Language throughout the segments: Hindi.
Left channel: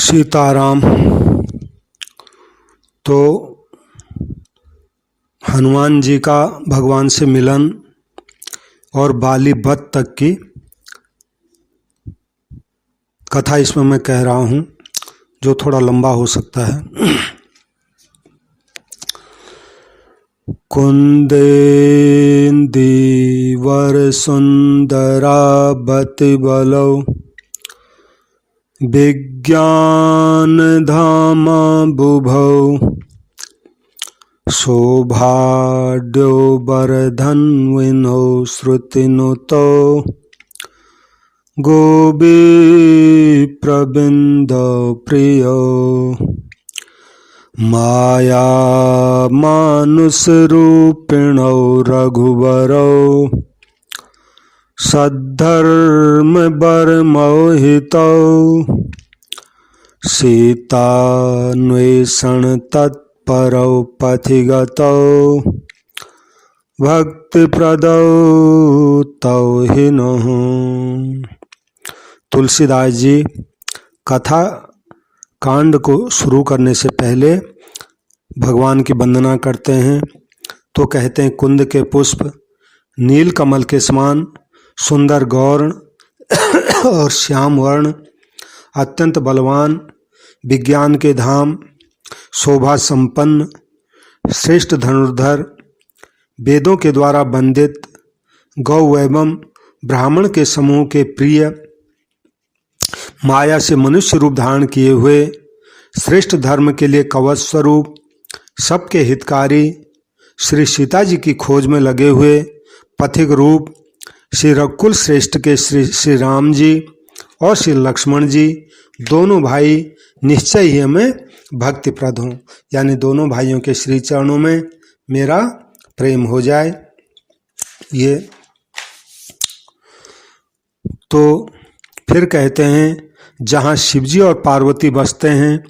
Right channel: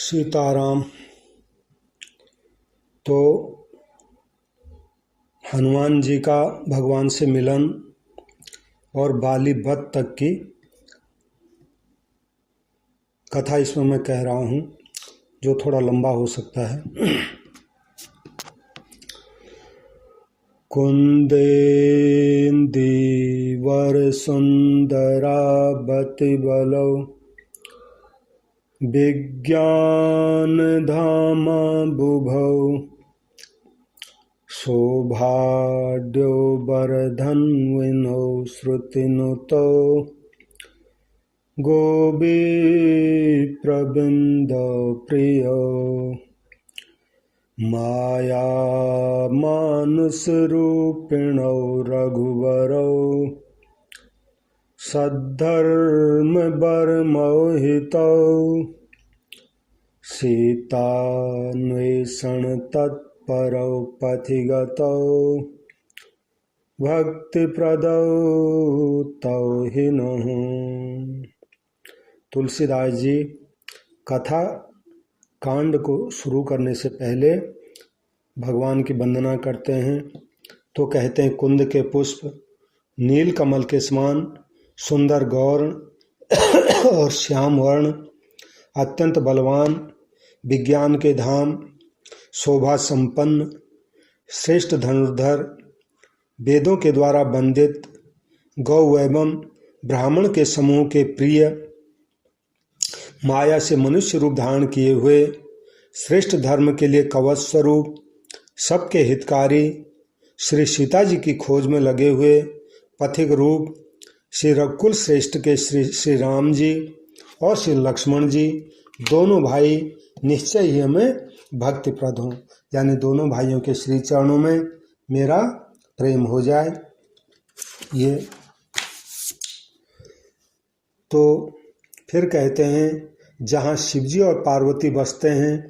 सीताराम। तो हनुमान जी का भगवान से मिलन और बाली वध तक की कथा इसमें मैं कह रहा हूँ, जो थोड़ा लंबा हो सकता है। कुंदेन्दीवर सुंदरावति बलौ विज्ञान धामा बुभौ सौभाग्यो वर्धन्विनो श्रुतिनुतो गोविप्रविन्द प्रियो माया मानुषरूपिणो रघुवरौ सद्धर्म बरमोहितौ सीतान्वेषण तत्परौ पथिगतौ भक्तिप्रदौ तौ हिनः। तुलसीदास जी कथा कांड को शुरू करने से पहले भगवान की वंदना करते हैं। तो कहते हैं, कुंद के पुष्प नील कमल के समान सुंदर गौर्ण और श्याम वर्ण, अत्यंत बलवान, विज्ञान के धाम, शोभा संपन्न, श्रेष्ठ धनुर्धर, वेदों के द्वारा वंदित, गौ एवं ब्राह्मण के समूह के प्रिय, माया से मनुष्य रूप धारण किए हुए, श्रेष्ठ धर्म के लिए कवच स्वरूप, सबके हितकारी, श्री सीता जी की खोज में लगे हुए पथिक रूप, श्री रघुकुल श्रेष्ठ के श्री राम जी और श्री लक्ष्मण जी, दोनों भाई निश्चय ही हमें भक्तिप्रद हों, यानी दोनों भाइयों के श्री चरणों में मेरा प्रेम हो जाए। ये तो फिर कहते हैं, जहाँ शिवजी और पार्वती बसते हैं,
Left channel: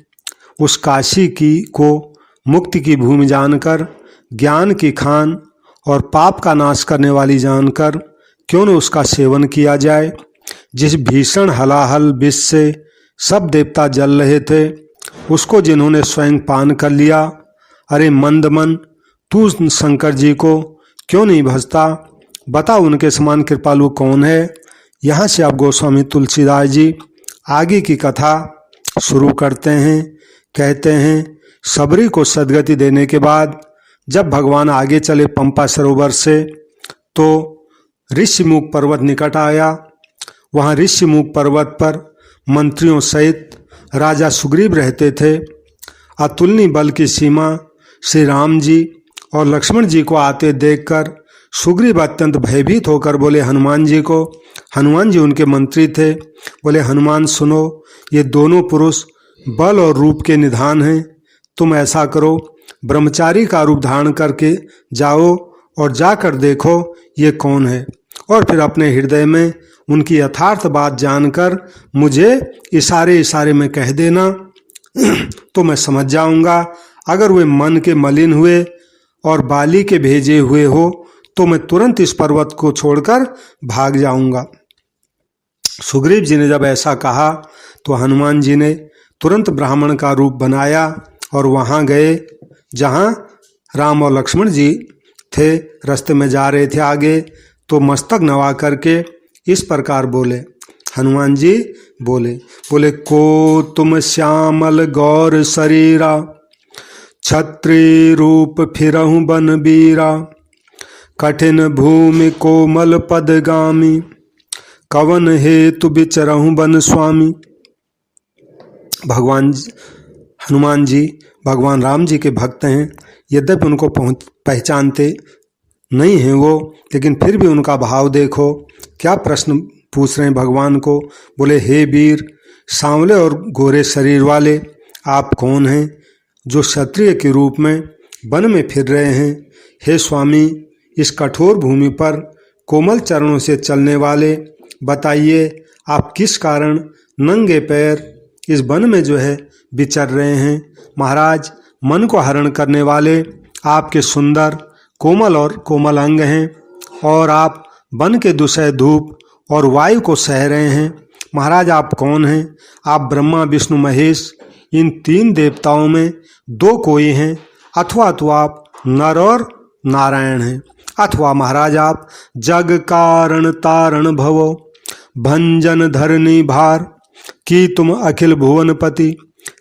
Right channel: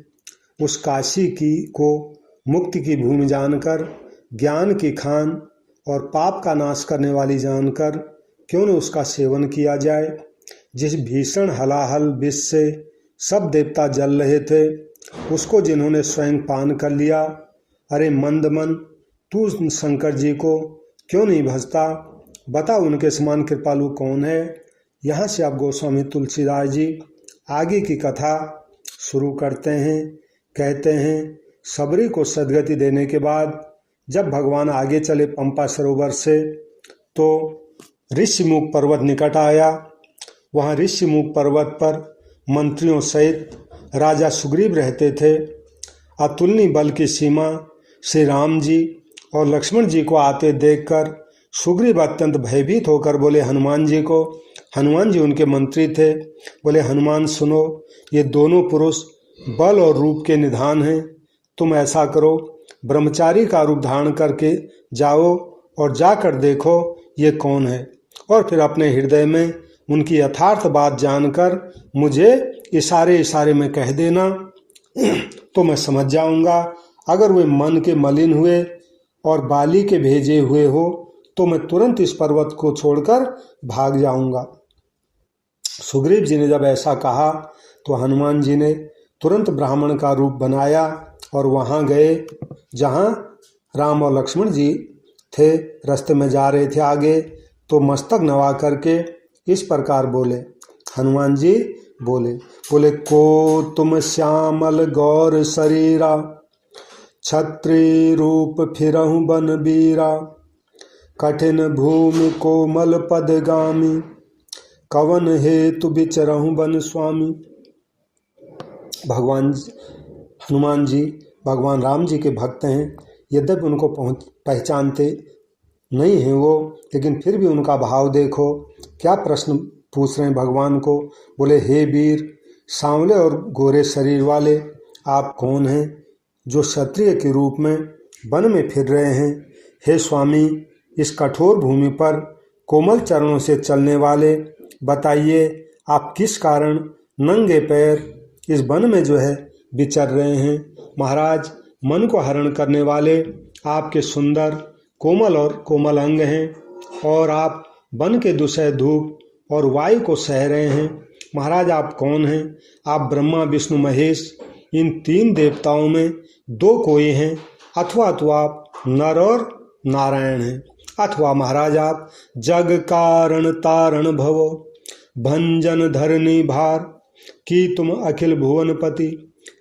उस काशी की को मुक्ति की भूमि जानकर, ज्ञान की खान और पाप का नाश करने वाली जानकर क्यों न उसका सेवन किया जाए। जिस भीषण हलाहल विष से सब देवता जल रहे थे, उसको जिन्होंने स्वयं पान कर लिया, अरे मंदमन, तू शंकर जी को क्यों नहीं भजता? बता, उनके समान कृपालु कौन है? यहाँ से अब गोस्वामी तुलसीदास जी आगे की कथा शुरू करते हैं। कहते हैं, सबरी को सदगति देने के बाद जब भगवान आगे चले पंपा सरोवर से, तो ऋषिमुख पर्वत निकट आया। वहाँ ऋषिमुख पर्वत पर मंत्रियों सहित राजा सुग्रीव रहते थे। अतुलनीय बल की सीमा श्री राम जी और लक्ष्मण जी को आते देखकर सुग्रीव अत्यंत भयभीत होकर बोले हनुमान जी को, हनुमान जी उनके मंत्री थे, बोले हनुमान सुनो, ये दोनों पुरुष बल और रूप के निधान हैं। तुम ऐसा करो, ब्रह्मचारी का रूप धारण करके जाओ और जाकर देखो ये कौन है, और फिर अपने हृदय में उनकी यथार्थ बात जानकर मुझे इशारे इशारे में कह देना, तो मैं समझ जाऊंगा। अगर वे मन के मलिन हुए और बाली के भेजे हुए हो, तो मैं तुरंत इस पर्वत को छोड़कर भाग जाऊंगा। सुग्रीव जी ने जब ऐसा कहा, तो हनुमान जी ने तुरंत ब्राह्मण का रूप बनाया और वहाँ गए जहाँ राम और लक्ष्मण जी थे। रास्ते में जा रहे थे आगे, तो मस्तक नवा करके इस प्रकार बोले, हनुमान जी बोले को तुम श्यामल गौर शरीरा, छत्री रूप फिरहु बन बीरा, कठिन भूमि कोमल पदगामी, कवन हेतु विचरहु बन स्वामी। भगवान हनुमान जी भगवान राम जी के भक्त हैं। यद्यपि उनको पहचानते नहीं हैं वो, लेकिन फिर भी उनका भाव देखो, क्या प्रश्न पूछ रहे हैं भगवान को। बोले, हे वीर, सांवले और गोरे शरीर वाले, आप कौन हैं जो क्षत्रिय के रूप में वन में फिर रहे हैं? हे स्वामी, इस कठोर भूमि पर कोमल चरणों से चलने वाले, बताइए आप किस कारण नंगे पैर इस वन में जो है विचर रहे हैं? महाराज, मन को हरण करने वाले आपके सुंदर कोमल और कोमल अंग हैं, और आप वन के दुसह धूप और वायु को सह रहे हैं, महाराज आप कौन हैं? आप ब्रह्मा विष्णु महेश इन 3 देवताओं में 2 कोई हैं, अथवा तो आप नर और नारायण हैं, अथवा महाराज आप जग कारण तारण भवो भंजन धरनी भार की तुम अखिल भुवनपति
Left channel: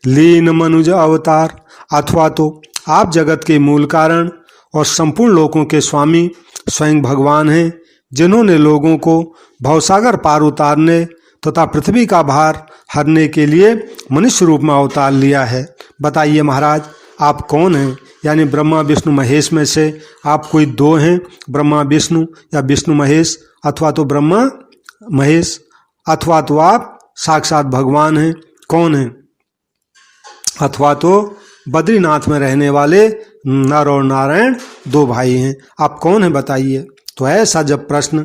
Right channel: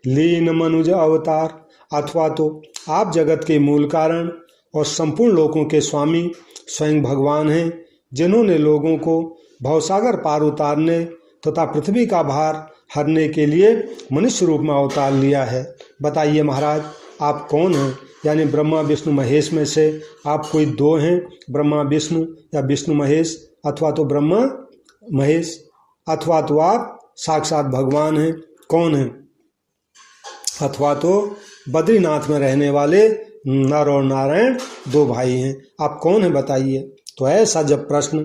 लीन मनुज अवतार, अथवा तो आप जगत के मूल कारण और संपूर्ण लोकों के स्वामी स्वयं भगवान हैं, जिन्होंने लोगों को भवसागर पार उतारने तथा पृथ्वी का भार हरने के लिए मनुष्य रूप में अवतार लिया है। बताइए महाराज आप कौन हैं? यानी ब्रह्मा विष्णु महेश में से आप कोई 2 हैं, ब्रह्मा विष्णु या विष्णु महेश, अथवा तो ब्रह्मा महेश, अथवा तो आप साक्षात भगवान हैं। कौन हैं? अथवा तो बद्रीनाथ में रहने वाले नर और नारायण 2 भाई हैं। आप कौन हैं बताइए। तो ऐसा जब प्रश्न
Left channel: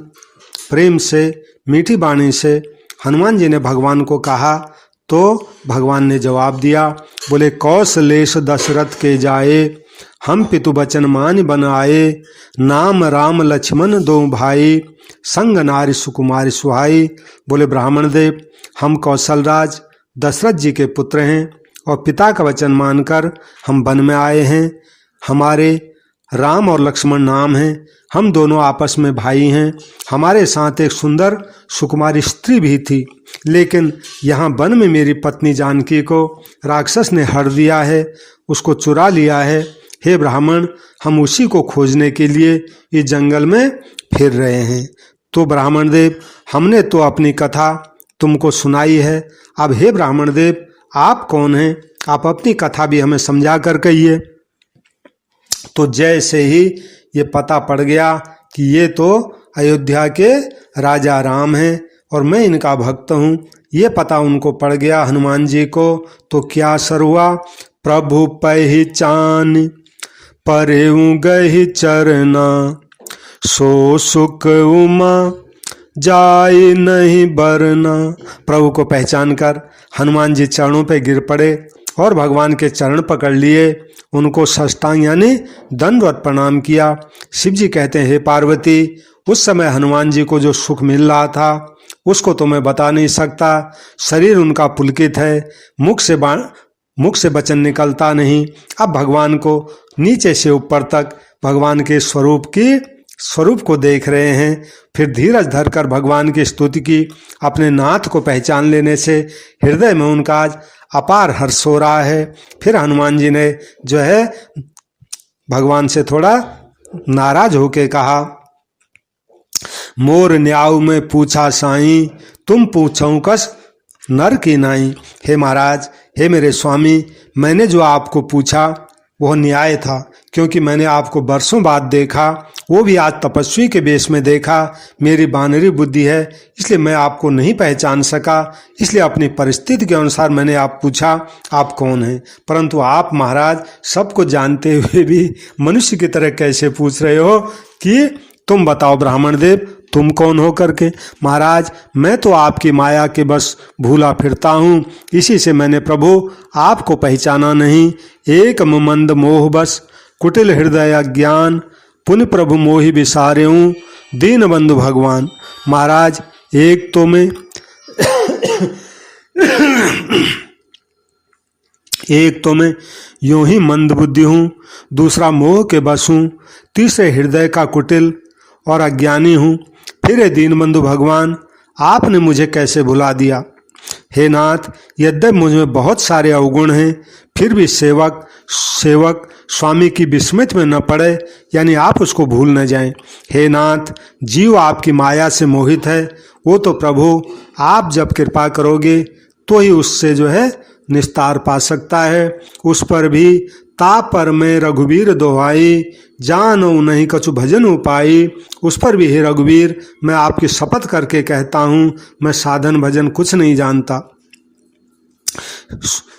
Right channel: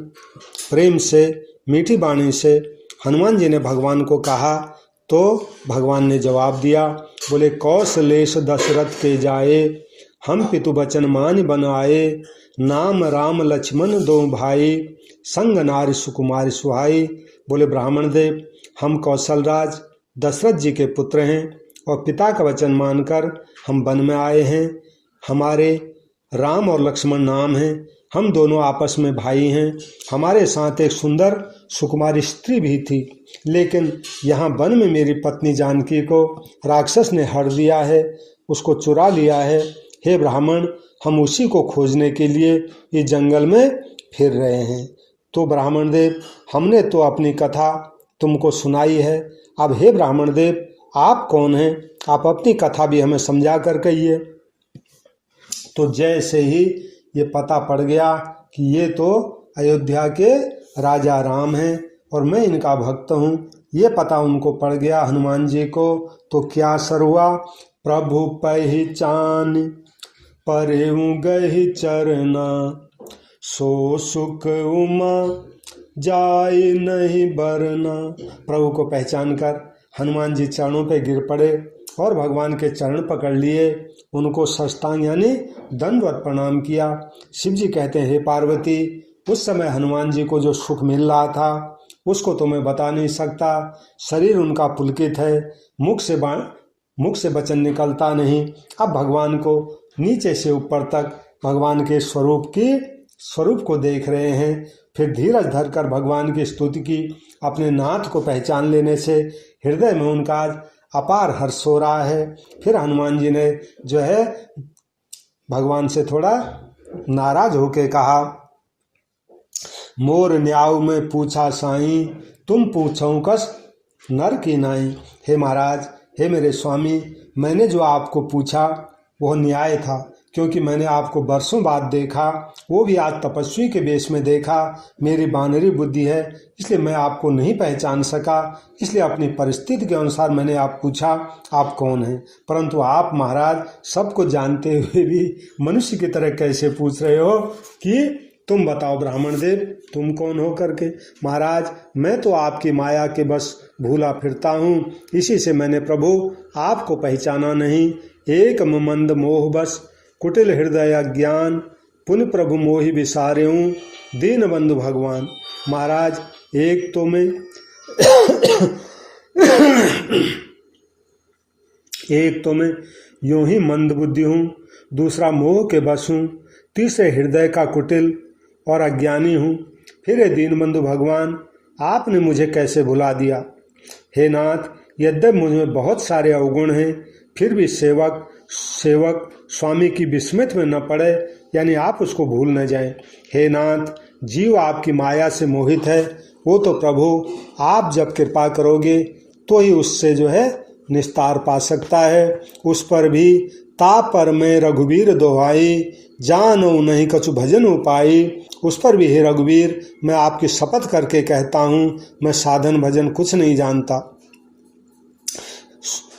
प्रेम से मीठी वाणी से हनुमान जी ने भगवान को कहा तो भगवान ने जवाब दिया, बोले कौशलेश दशरथ के जाए हम पितु बचन मान बन आए, नाम राम लक्ष्मण 2 भाई संग नारी सुकुमारी सुहाई। बोले ब्राह्मण देव हम कौशलराज दशरथ जी के पुत्र हैं और पिता का वचन मानकर हम वन में आए हैं। हमारे राम और लक्ष्मण नाम हैं, हम दोनों आपस में भाई हैं। हमारे साथ एक सुंदर सुकुमारी स्त्री भी थी, लेकिन यहाँ वन में मेरी पत्नी जानकी को राक्षस ने हर दिया है, उसको चुरा लिया है। हे ब्राह्मण हम उसी को खोजने के लिए इस जंगल में फिर रहे हैं। तो ब्राह्मण देव हमने तो अपनी कथा तुमको सुनाई है, अब हे ब्राह्मण देव आप कौन हैं? आप अपनी कथा भी हमें समझा कर कहिए। तो जैसे ही ये पता पड़ गया कि ये तो अयोध्या के राजा राम हैं और मैं इनका भक्त हूँ, ये पता उनको पड़ गया हनुमान जी को, तो क्या असर हुआ? प्रभु पहचान परेऊ गहि चरना सो सुख उमा जाय नहीं बरना। प्रभु को पहचान कर हनुमान जी चरणों पे गिर पड़े और भगवान के चरण पकड़ लिए, उनको साष्टांग यानी दंडवत प्रणाम किया। शिव जी कहते हैं हे पार्वती उस समय हनुमान जी को जो सुख मिल रहा था उसको तो मैं बता नहीं सकता। शरीर उनका पुलकित है, मुख से वचन निकलता नहीं। अब भगवान को नीचे से ऊपर तक भगवान के स्वरूप को देख रहे हैं। फिर धीरज धरकर भगवान की स्तुति की। अपने नाथ को पहचान लेने से हृदय में उनका आज अपार हर्ष हो रहा है। फिर हनुमान जी ने जो है भगवान से थोड़ा नाराज होके कहा, मोर न्याऊ में पूछा साईं तुम पूछऊं कस नर की नाई। हे महाराज हे मेरे स्वामी मैंने जो आपको पूछा वह न्याय था, क्योंकि मैंने आपको बरसों बाद देखा, वो भी आज तपस्वी के वेश में देखा। मेरी बानरी बुद्धि है इसलिए मैं आपको नहीं पहचान सका, इसलिए अपनी परिस्थिति के अनुसार मैंने आप पूछा आप कौन हैं। परंतु आप महाराज सबको जानते हुए भी मनुष्य की तरह कैसे पूछ रहे हो कि तुम बताओ ब्राह्मण देव तुम कौन हो करके। महाराज मैं तो आपकी माया के बस भूला फिरता हूँ, इसी से मैंने प्रभु आपको पहचाना नहीं। एक मंद मोह बस कुटिल हृदय अज्ञान पुण्य प्रभु मोहि विसारेऊँ दीन बंधु भगवान। महाराज एक तो मैं यूं ही मंद बुद्धि हूँ, दूसरा मोह के बस हूँ, तीसरे हृदय का कुटिल और अज्ञानी हूँ। फिर हे दीनबंधु भगवान आपने मुझे कैसे भुला दिया। हे नाथ यद्यपि मुझ में बहुत सारे अवगुण हैं फिर भी सेवक स्वामी की विस्मृति में न पड़े, यानी आप उसको भूल न जाएं। हे नाथ जीव आपकी माया से मोहित है, वो तो प्रभु आप जब कृपा करोगे तो ही उससे जो है निस्तार पा सकता है। उस पर भी तापर में रघुवीर दोहाई जानो नहीं कछु भजन उपाई। उस पर भी हे रघुवीर मैं आपकी शपथ करके कहता हूँ मैं साधन भजन कुछ नहीं जानता।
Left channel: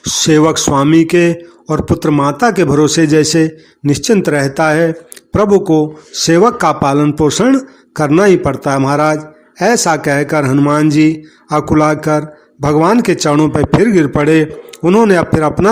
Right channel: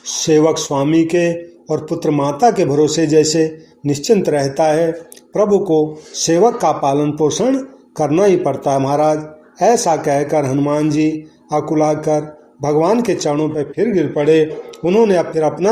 सेवक स्वामी के और पुत्र माता के भरोसे जैसे निश्चिंत रहता है, प्रभु को सेवक का पालन पोषण करना ही पड़ता है। महाराज ऐसा कहकर हनुमान जी अकुलाकर भगवान के चरणों पर फिर गिर पड़े। उन्होंने फिर अपना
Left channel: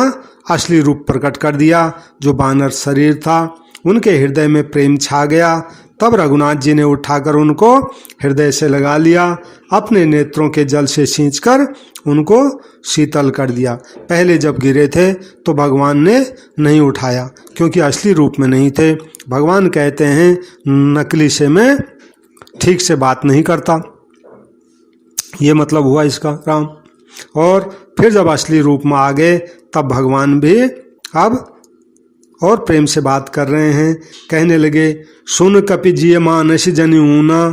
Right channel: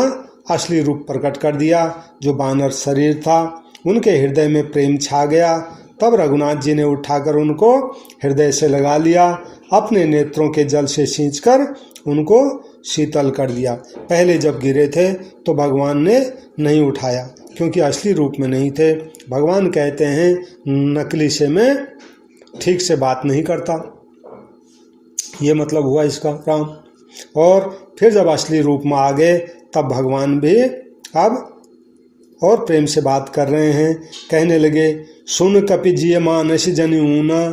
असली रूप प्रकट कर दिया, जो बानर शरीर था। उनके हृदय में प्रेम छा गया। तब रघुनाथ जी ने उठाकर उनको हृदय से लगा लिया, अपने नेत्रों के जल से सींचकर उनको शीतल कर दिया। पहले जब गिरे थे तो भगवान ने नहीं उठाया, क्योंकि असली रूप में नहीं थे। भगवान कहते हैं नकली से मैं ठीक से बात नहीं करता, ये मतलब हुआ इसका राम। और फिर जब असली रूप में आ गए तब भगवान भी अब और प्रेम से बात कर रहे हैं। कहने लगे, सुन कपि जिय मानस जनि ऊना,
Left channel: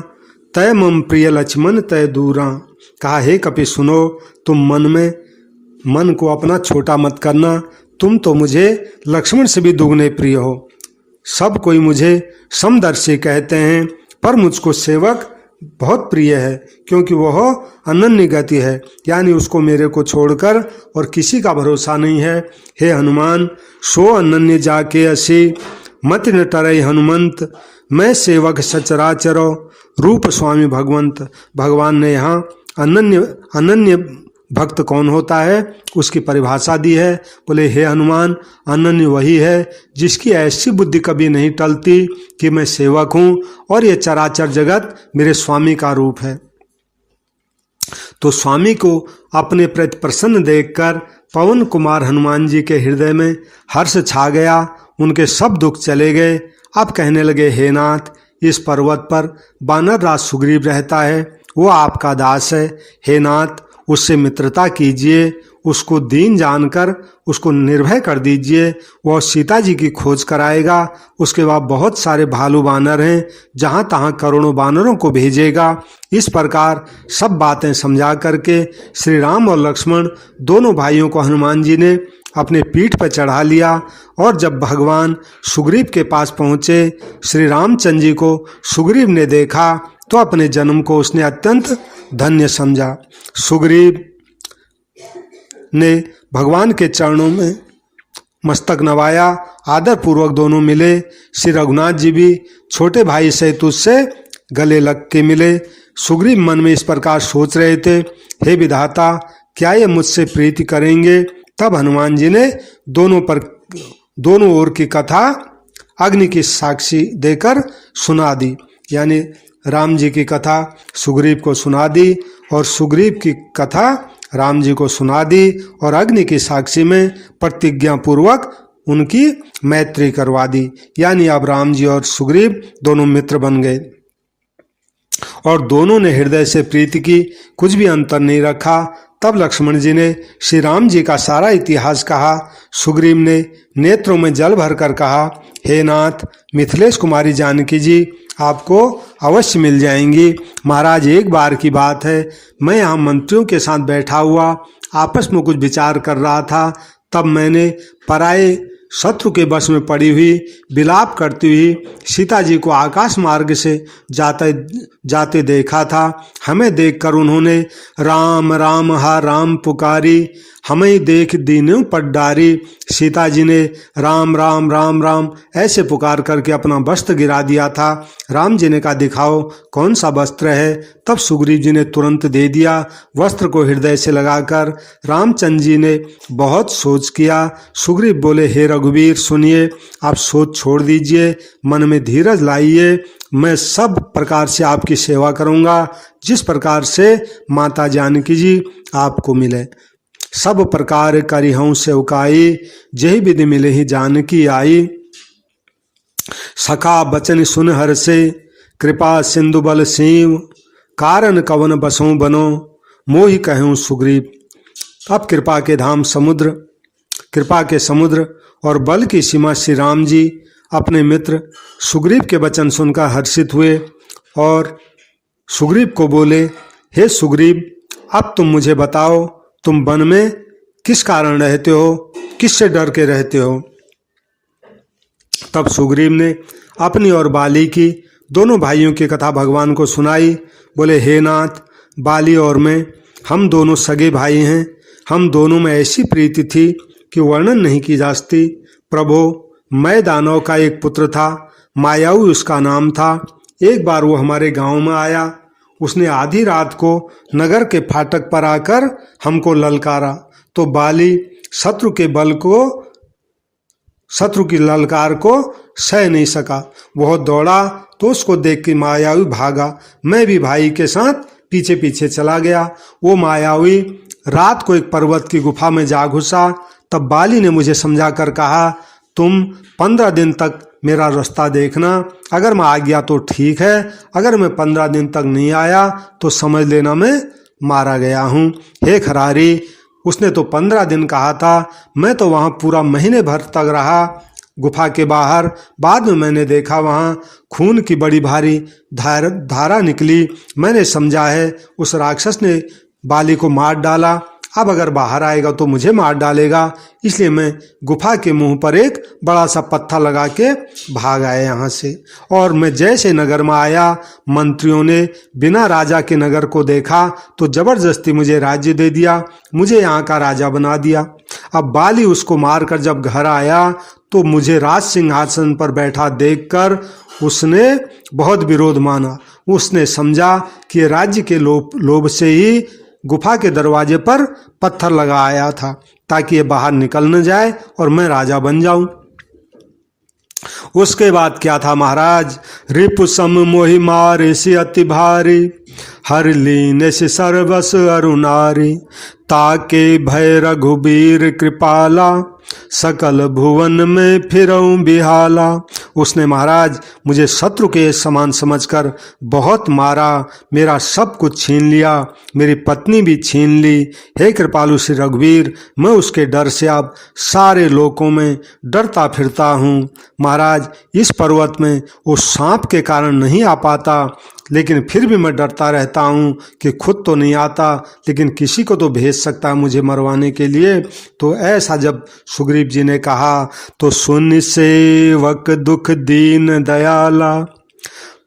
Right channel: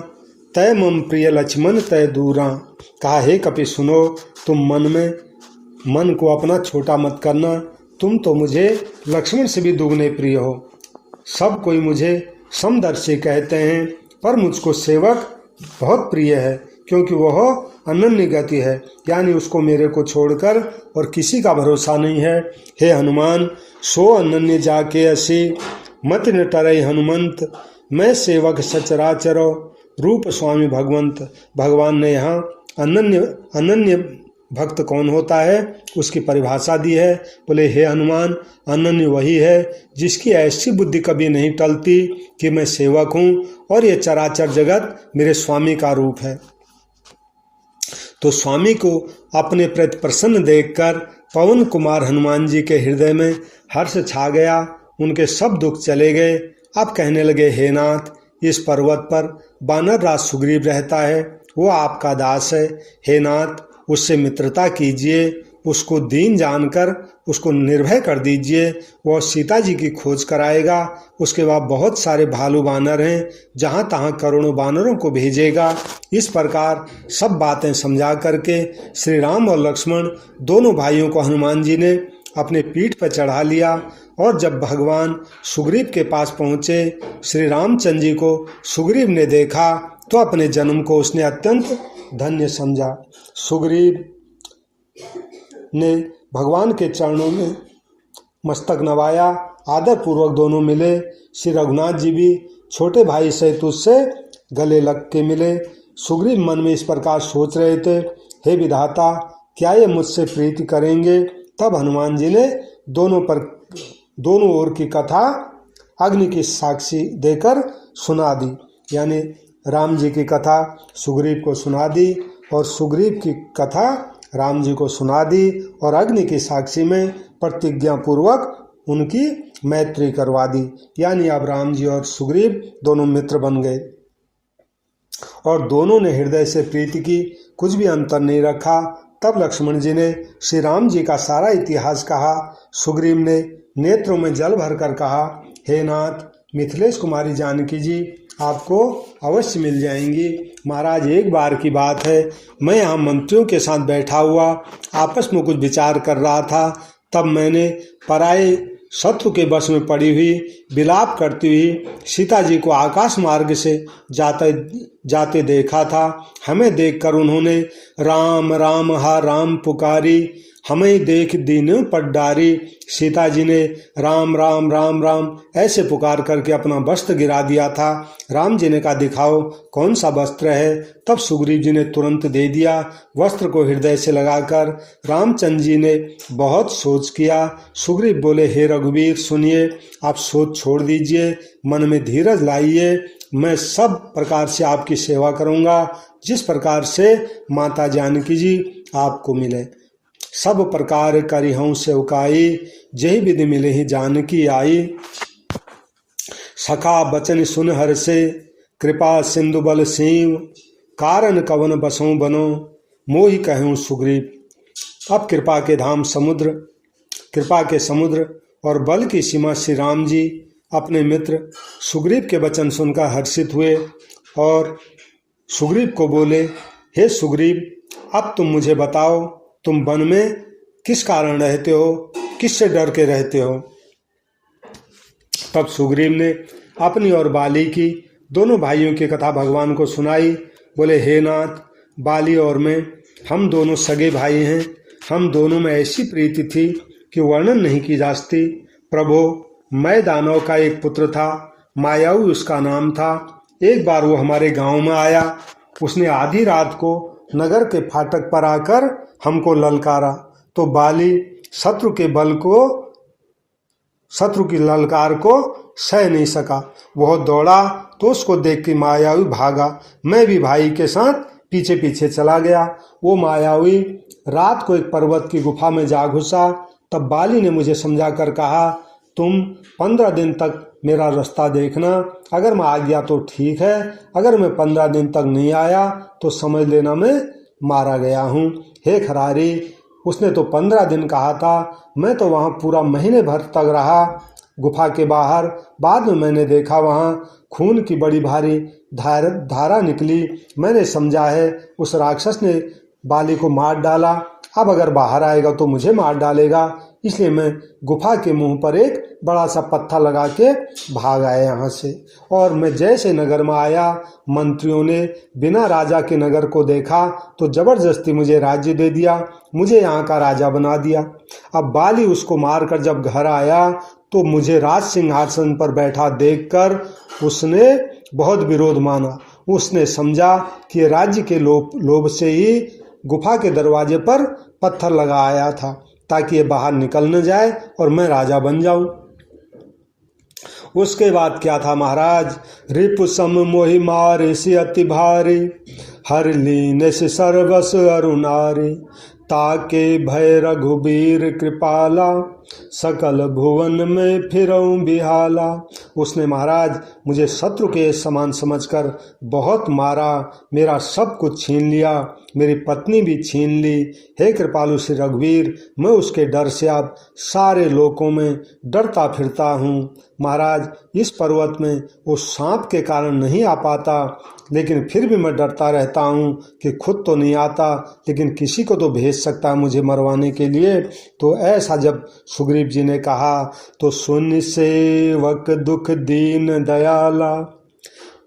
तय मम प्रिय लक्ष्मण तय दूरा। कहा, हे कपि सुनो, तुम मन को अपना छोटा मत करना, तुम तो मुझे लक्ष्मण से भी दुगने प्रिय हो। सब कोई मुझे समदर्शी कहते हैं, पर मुझको सेवक बहुत प्रिय है, क्योंकि वह अनन्य गति है, यानी उसको मेरे को छोड़कर और किसी का भरोसा नहीं है। हे हनुमान, सो अनन्य जाके असी, मत न टरई हनुमंत, मैं सेवक सचराचरो, रूप स्वामी भगवंत। भगवान ने यहाँ अनन्य भक्त कौन होता है उसकी परिभाषा दी है। बोले, हे हनुमान, अनन्य वही है जिसकी ऐसी बुद्धि कभी नहीं टलती कि मैं सेवक हूँ और ये चराचर जगत मेरे स्वामी का रूप है। तो स्वामी को अपने प्रति प्रसन्न देखकर पवन कुमार हनुमान जी के हृदय में हर्ष छा गया, उनके सब दुख चले गए। अब कहने लगे, हे नाथ, इस पर्वत पर वानर राज सुग्रीव रहता है, वो आपका दास है। हे नाथ, उससे मित्रता कीजिए, उसको दीन जानकर उसको निर्भय कर दीजिए, वह सीता जी की खोज कराएगा। उसके बाद बहुत सारे भालू बानर हैं, जहाँ तहाँ करोड़ों बानरों को भेजेगा। इस प्रकार सब बातें समझा करके श्री राम और लक्ष्मण दोनों भाइयों को हनुमान जी ने अपने पीठ पर चढ़ा लिया। और जब भगवान सुग्रीव के पास पहुँचे, श्री रामचंद्र जी को सुग्रीव ने देखा तो अपने जन्म को उसने अत्यंत धन्य समझा। सुग्रीव ने भगवान के चरणों में मस्तक नवाया, आदर पूर्वक दोनों मिले। श्री रघुनाथ जी भी छोटे भाई सहित उससे गले लग के मिले। सुग्रीव मन में इस प्रकार सोच रहे थे, हे विधाता, क्या ये मुझसे प्रीति करेंगे? तब हनुमान जी ने दोनों ओर की कथा अग्नि की साक्षी देकर सुना दी, यानी राम जी की कथा सुग्रीव को सुना दी और सुग्रीव की कथा राम जी को सुना दी और अग्नि की साक्षी में प्रतिज्ञा पूर्वक उनकी मैत्री करवा दी। यानी अब राम जी और सुग्रीव दोनों मित्र बन गए और दोनों ने हृदय से प्रीति की, कुछ भी अंतर नहीं रखा। तब लक्ष्मण जी ने श्री राम जी का सारा इतिहास कहा। सुग्रीव ने नेत्रों में जल भरकर कहा, हे नाथ, मिथिलेश कुमारी जानकी जी आपको अवश्य मिल जाएंगी। महाराज, एक बार की बात है, मैं यहाँ मंत्रियों के साथ बैठा हुआ आपस में कुछ विचार कर रहा था, तब मैंने पराये शत्रु के वश में पड़ी हुई विलाप करती हुई सीता जी को आकाश मार्ग से जाते देखा था। हमें देखकर उन्होंने राम राम हा राम पुकारी, हमें देख दीनों पर डारी। सीता जी ने राम राम राम राम ऐसे पुकार करके अपना वस्त्र गिरा दिया था। राम जी ने कहा, दिखाओ कौन सा वस्त्र है। तब सुग्रीव जी ने तुरंत दे दिया वस्त्र को हृदय से लगाकर। रामचंद्र जी ने बहुत सोच किया। सुग्रीव बोले, हे रघुवीर, सुनिए, आप सोच छोड़ दीजिए, मन में धीरज लाइए, मैं सब प्रकार से आपकी सेवा करूंगा, जिस प्रकार से माता जानकी जी आपको मिले। सब प्रकार करिहूँ सेवकाई, जही विधि मिले ही जानकी आई। सखा बचन सुन हर से, कृपा सिंधु बल सीव, कारण कवन बसों बनो, मोहि कहूँ सुग्रीव। अब कृपा के समुद्र और बल की सीमा श्री राम जी अपने मित्र सुग्रीव के वचन सुनकर हर्षित हुए और सुग्रीव को बोले, हे सुग्रीव, अब तुम मुझे बताओ, तुम वन में किस कारण रहते हो, किससे डर के रहते हो? तब सुग्रीव ने अपनी और बाली की दोनों भाइयों की कथा भगवान को सुनाई। बोले, हे नाथ, बाली और मैं, हम दोनों सगे भाई हैं। हम दोनों में ऐसी प्रीति थी कि वर्णन नहीं की जा सकती। प्रभु, मैं दानव का एक पुत्र था, मायाऊ उसका नाम था। एक बार वो हमारे गांव में आया। उसने आधी रात को नगर के फाटक पर आकर हमको ललकारा, तो बाली शत्रु की ललकार को सह नहीं सका। बहुत दौड़ा तो उसको देख के मायावी भागा। मैं भी भाई के साथ पीछे पीछे चला गया। वो मायावी रात को एक पर्वत की गुफा में जा घुसा। तब बाली ने मुझे समझा कर कहा, तुम 15 दिन तक मेरा रास्ता देखना, अगर मैं आ गया तो ठीक है, अगर मैं 15 दिन तक नहीं आया तो समझ लेना मैं मारा गया हूँ। हे खरारी, उसने तो 15 दिन कहा था, मैं तो वहाँ पूरा महीने भर तक रहा गुफा के बाहर। बाद में मैंने देखा वहाँ खून की बड़ी भारी धारा निकली। मैंने समझा है उस राक्षस ने बाली को मार डाला। अब अगर बाहर आएगा तो मुझे मार डालेगा, इसलिए मैं गुफा के मुंह पर एक बड़ा सा पत्थर लगा के भाग आया यहाँ से। और मैं जैसे नगर में आया, मंत्रियों ने बिना राजा के नगर को देखा तो जबरदस्ती मुझे राज्य दे दिया, मुझे यहाँ का राजा बना दिया। अब बाली उसको मारकर जब घर आया तो मुझे राज सिंहासन पर बैठा देखकर उसने बहुत विरोध माना। उसने समझा कि राज्य के लोभ से ही गुफा के दरवाजे पर पत्थर लगाया था, ताकि ये बाहर निकल न जाए और मैं राजा बन जाऊं। उसके बाद क्या था महाराज, रिपु सम मोहि मारे से अति भारी, हर लीने से सर्वस अरुणारी, ताके भय रघुबीर कृपाला, सकल भुवन में फिरऊं बिहाला। उसने महाराज मुझे शत्रु के समान समझकर बहुत मारा, मेरा सब कुछ छीन लिया, मेरी पत्नी भी छीन ली। हे कृपालु श्री रघुवीर, मैं उसके डर से अब सारे लोकों में डरता फिरता हूँ। महाराज इस पर्वत में वो सांप के कारण नहीं आ पाता, लेकिन फिर भी मैं डरता रहता हूँ कि खुद तो नहीं आता, लेकिन किसी को तो भेज सकता है मुझे मरवाने के लिए। तो ऐसा जब सुग्रीव जी ने कहा तो सुन सेवक दुख दीन दयाला,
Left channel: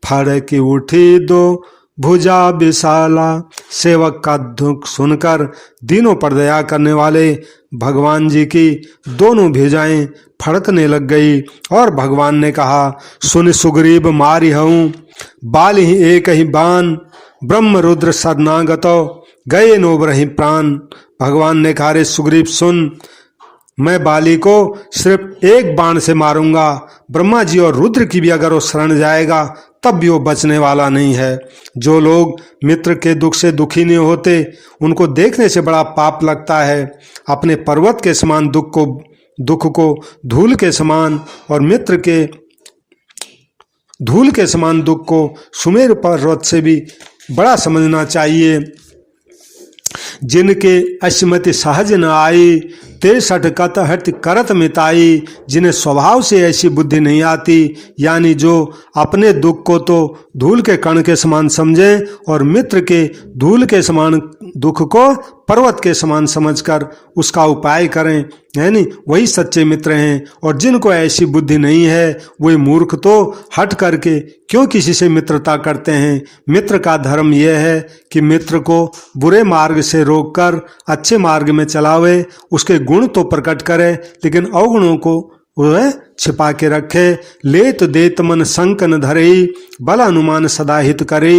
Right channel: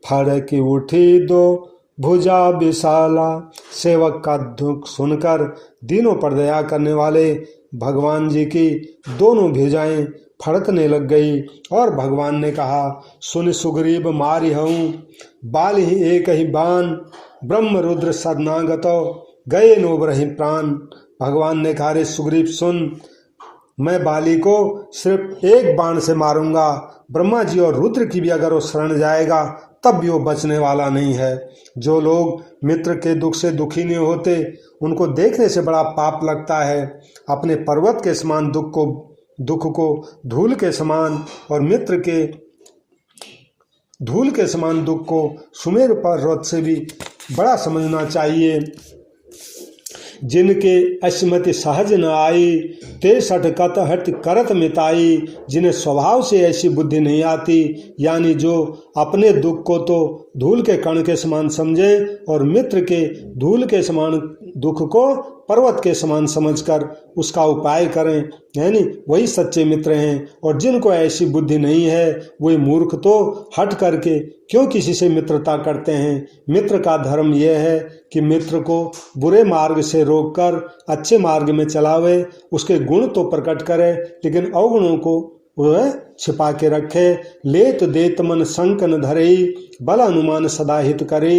फड़क उठी दो भुजा विशाला। सेवक का दुख सुनकर दीनों पर दया करने वाले भगवान जी की दोनों भुजाएं फड़कने लग गई। और भगवान ने कहा, सुन सुग्रीव मारी हूँ, बाल ही एक ही बाण, ब्रह्म रुद्र शरणागतो, गए नोबरहि प्राण। भगवान ने कहा, रे सुग्रीव सुन, मैं बाली को सिर्फ एक बाण से मारूंगा, ब्रह्मा जी और रुद्र की भी अगर वो शरण जाएगा तब भी वो बचने वाला नहीं है। जो लोग मित्र के दुख से दुखी नहीं होते उनको देखने से बड़ा पाप लगता है। अपने पर्वत के समान दुख को धूल के समान और मित्र के धूल के समान दुख को सुमेर पर्वत से भी बड़ा समझना चाहिए। जिनके अश्मति सहज न आई, ते सटकत हट करत मिताई। जिन्हें स्वभाव से ऐसी बुद्धि नहीं आती, यानी जो अपने दुख को तो धूल के कण के समान समझें और मित्र के धूल के समान दुख को पर्वत के समान समझकर उसका उपाय करें, यानी वही सच्चे मित्र हैं। और जिनको ऐसी बुद्धि नहीं है वे मूर्ख तो हट करके क्यों किसी से मित्रता करते हैं। मित्र का धर्म यह है कि मित्र को बुरे मार्ग से रोककर अच्छे मार्ग में चलावे, उसके गुण तो प्रकट करे लेकिन अवगुणों को वह छिपा के रखे। लेत देत मन शंक न धरे, बल अनुमान सदा हित करे।